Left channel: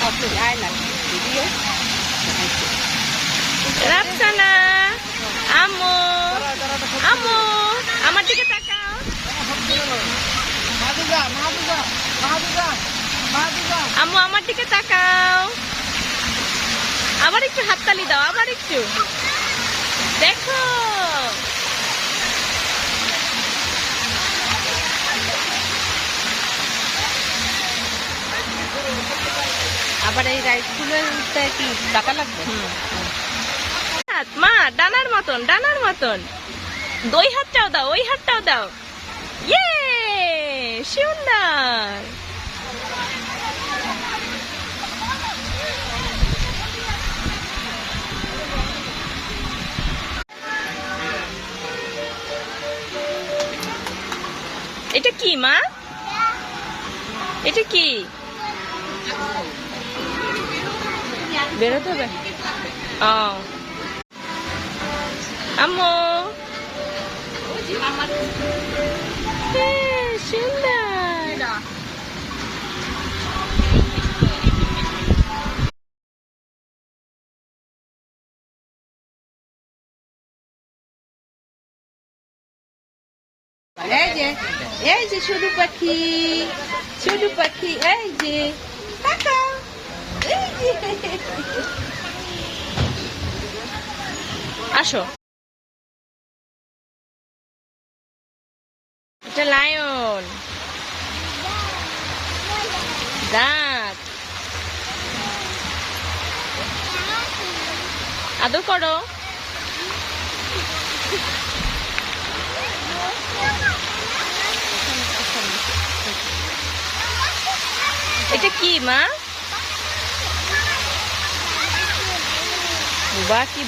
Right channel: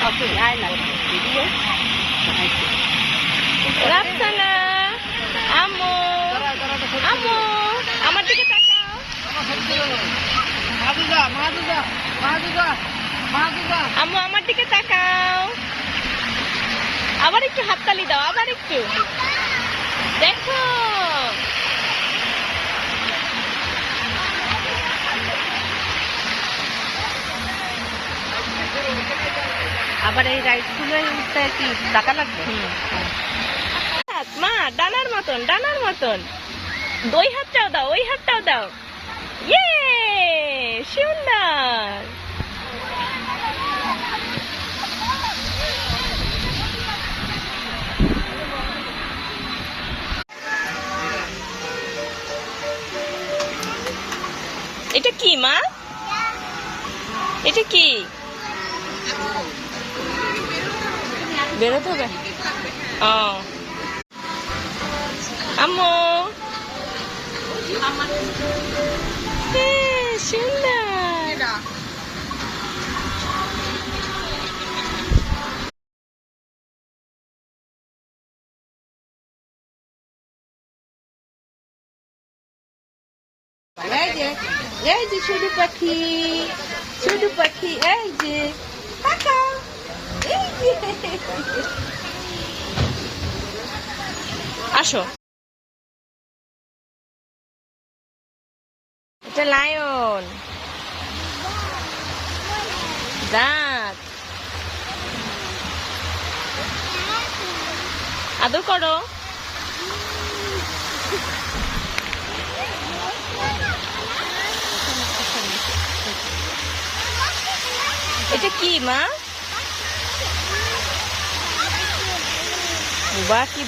Okay, I like video. Rafsana, আম্মু, আম্মু, আমার দিকে তাকাও। আম্মু আমার দিকে তাকাও। আবার একটু হাততালি দাও, আবার একটু দেখো। আবার এই রাইসগুলোটা কি টাকা লাগবে? মা ডানার মতন, ডানার মতন। ওই হাতটাও দাও, ওই হাতটাও দাও। ইয়ে, সুন্দর। এটা কি মা? এটা কি? বেরোতে হবে? ও আম্মু, সুন্দর। এই যে শুধু পাখি, শুধু পাখি, এই যে তাকাও, এই যে। আসো। এটা লায়ন, দাঁত। আদর করো। এটা কি মা? বাহ, কি